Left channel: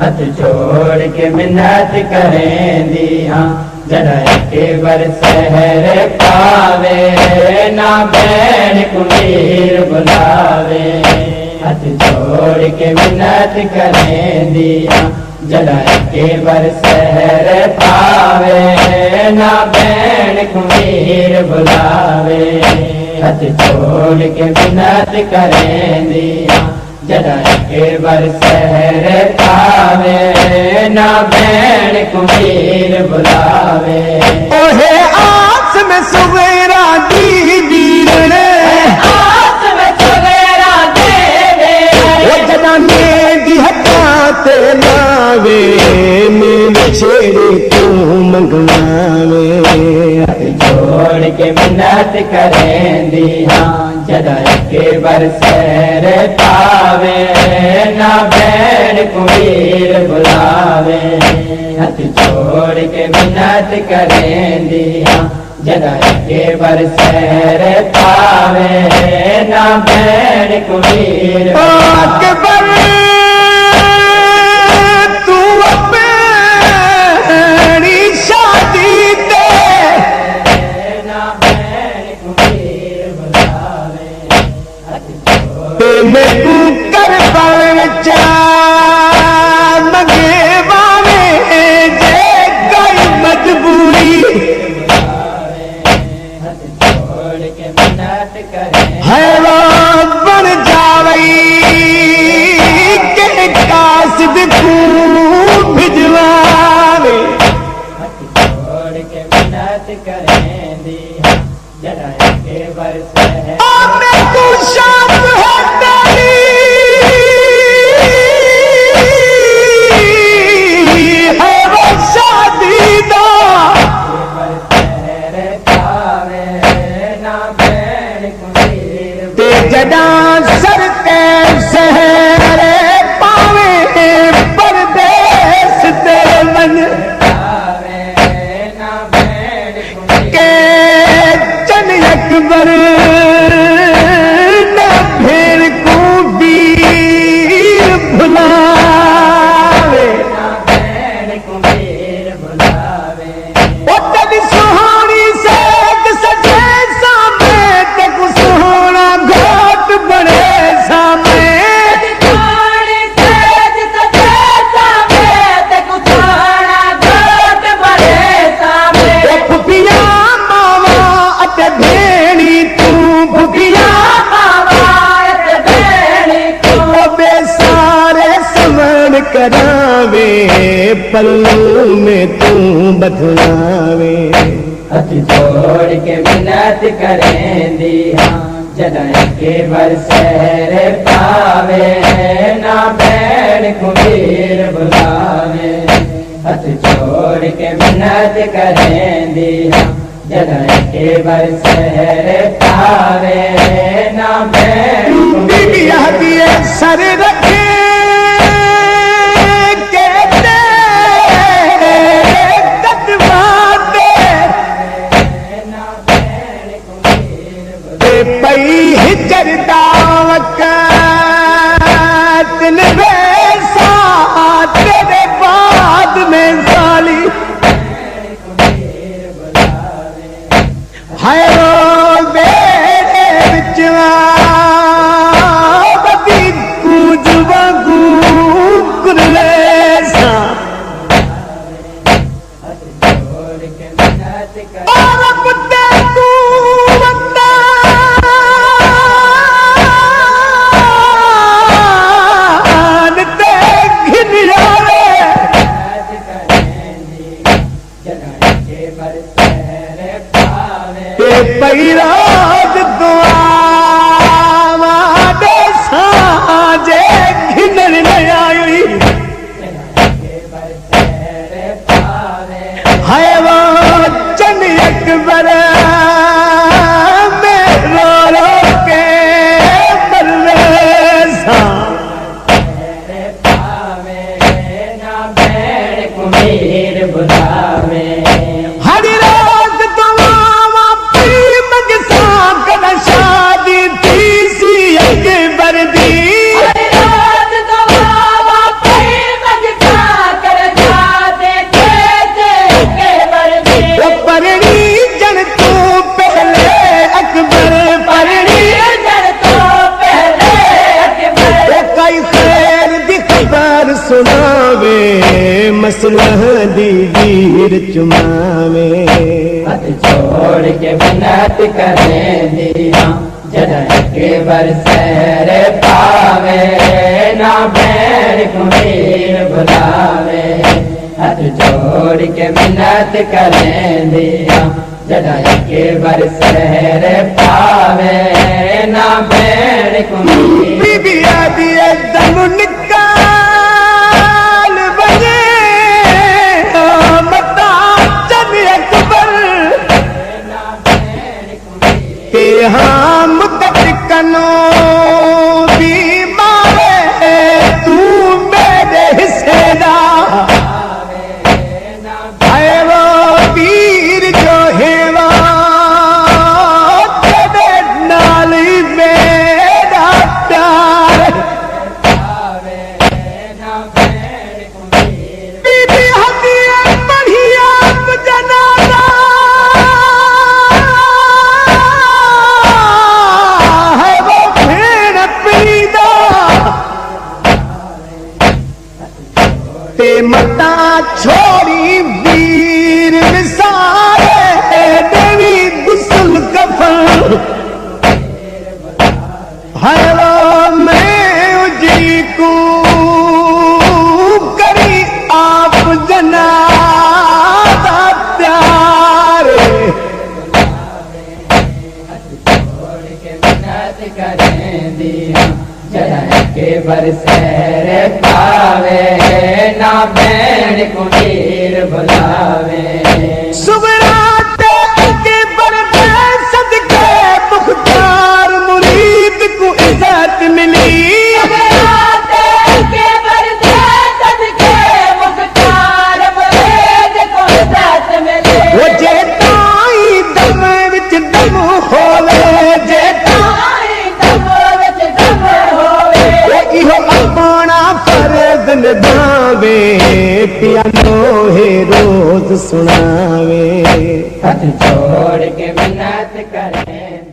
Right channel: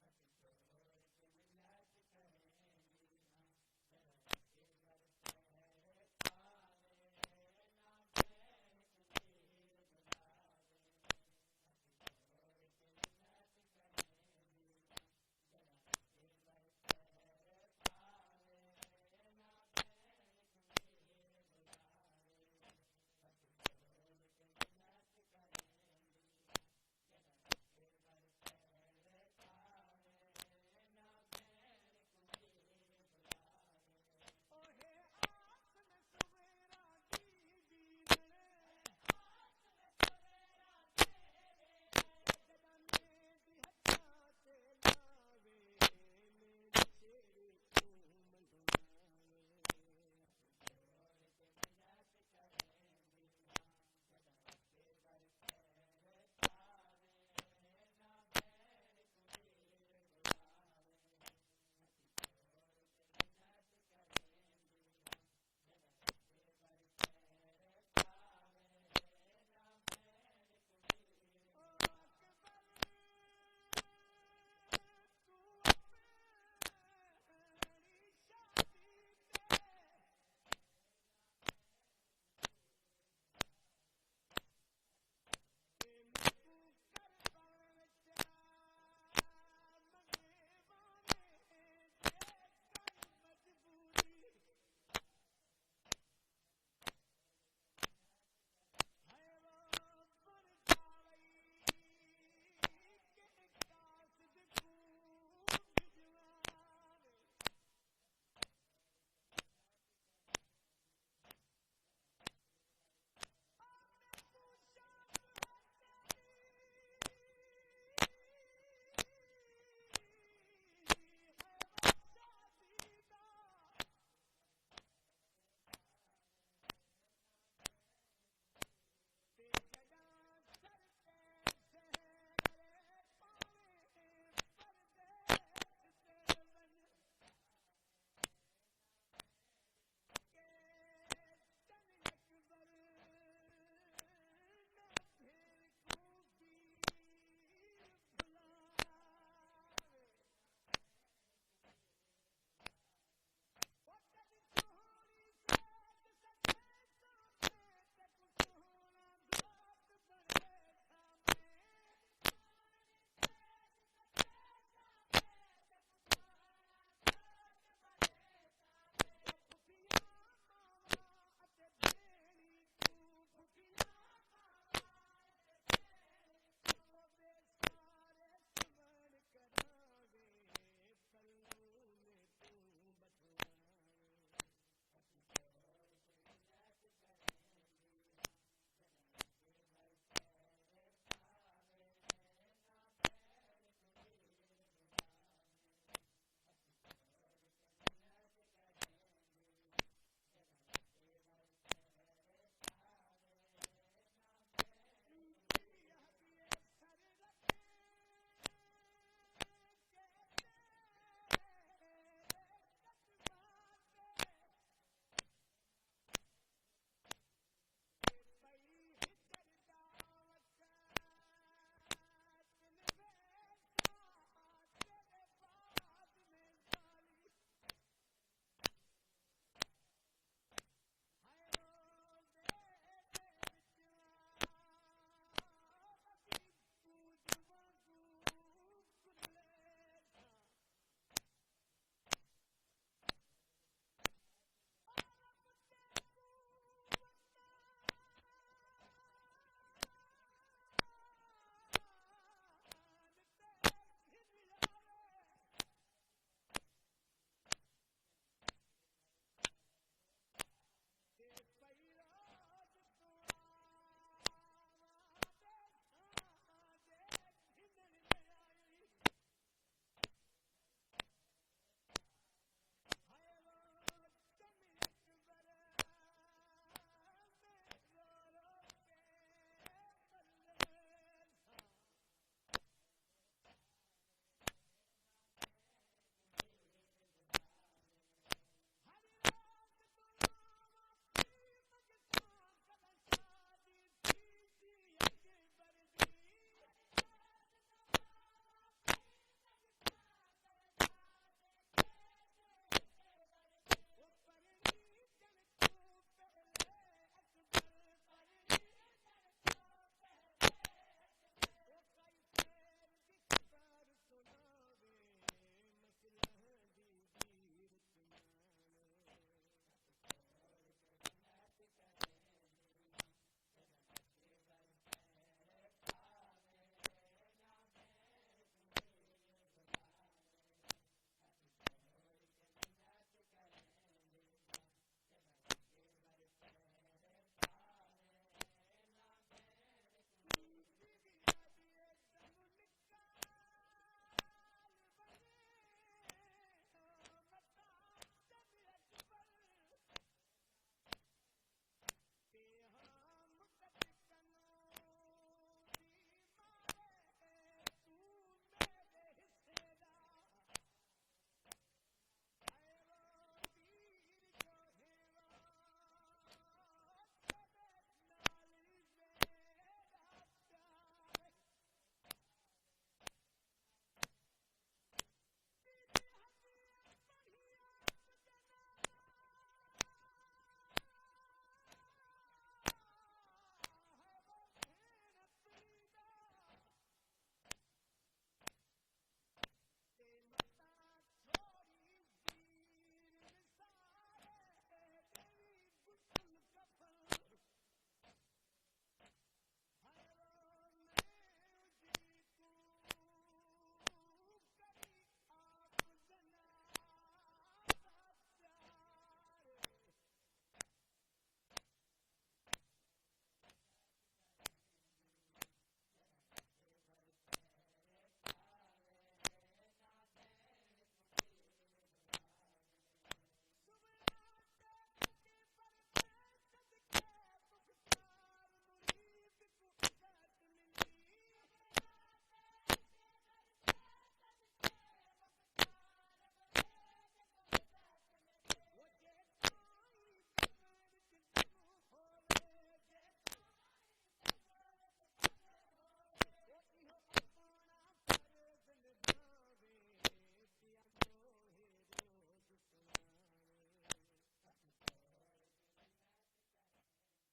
हथ जोड़ के मिन्नत करें दिया जरा के बर सहर पावे ना बैन कुमीर बुलावे। हथ जोड़ के मिन्नत करें दिया जरा के बर सहर पावे ना बैन कुमीर बुलावे। हथ जोड़ के मिन्नत करें दिया जरा के बर सहर पावे ना बैन कुमीर बुलावे। ओहे आस में सुवेरा दी वीरने आस में सुवेरा दे वो जनाने दी हटाते लावे मेरे छेड़े तू मंगवावे। जोड़ के मिन्नत करें दिया जरा के बर सहर पावे ना बैन कुमीर बुलावे। हथ जोड़ के मिन्नत करें दिया जरा के बर सहर पावे ना बैन कुमीर अकबर तू अपनी शादी दे ना बैन कुमीर बुलावे। मैं तू कर बच्चा मंगे बावे जे गई मजबूरी जोड़ के मिन्नत करें है वो बन जावई के कासिद तू भिजवावे। जोड़ के मिन्नत करें दिया जरा के बर सहर मैं तू शाम है तेरी है वो शादी दा ते जदा सर ते शहर पावे परदेस ते मन के चन अकबर न फिर को वीर भुलावे। ओ तेरी सुहानी से सजे सामने ते को सुहाना घाट बने सामने। फुफिया मावा अते भेणी तू फुफिया बे सारे समन करावे पल्लू में तू बदलावे। हथ जोड़ के मिन्नत करें दिया जरा के बर सहर पावे ना बैन कुमीर बुलावे। हथ जोड़ के मिन्नत करें दिया जरा के बर सहर पावे ना बैन बीबिया दिए सर रखे के दे तत्वाते ते पई हिजर दावत तिन वैसा तेरे बाद में साली हाय रो बेरे बिचवा बती कूज वांगू कुरले सा जोड़ के मिन्नत करें और कुत्ते तू बंदा ते घिन जावे जरा के बर सहर पावे ते पैराज दुआ दे साजे घिनर न आई हाय वो चन अकबर में रो रो के परवेसा ना बैन कुमीर बुलावे। हर रात दुआ पी मगसा कर शादी थी सी अकबर दी। रात तो बाबा पे मगता सुनावे मसलह दी वीर चुमावे हाथ जोड़ के मिन्नत करें दिया जदन के बरसैर पावे ना बैर कुमीर बुलावे हाथ जोड़ के मिन्नत करें दिया जदन के बरसैर पावे ना बैर कुमीर बीबी आदि दम निकाल बजे मता चल अकबर के हम कनो भी मारे तू मेरे हिस्से दा है वो वीर जो हेवा तेरे नाल ही मेरा प्यार बीबी हदिया बढ़िया जनाना है वो भेड़ पीदा ते मता छोड़ी वीर विसारे देवी गुसल कफन है वो मैं उजरी को करी आप जनादा प्यार छोड़ के मिन्नत करें दिया जदन के बरसैर पावे ना बैर कुमीर बुलावे सुबराते के बरदे सदके मुख्तार मुरीद को इज्जत मिली वो जेताई दम विच दम होवे इहो अपना फर्ज निभावे पियानो है रोज सुनावे हाथ जोड़ के मिन्नत करें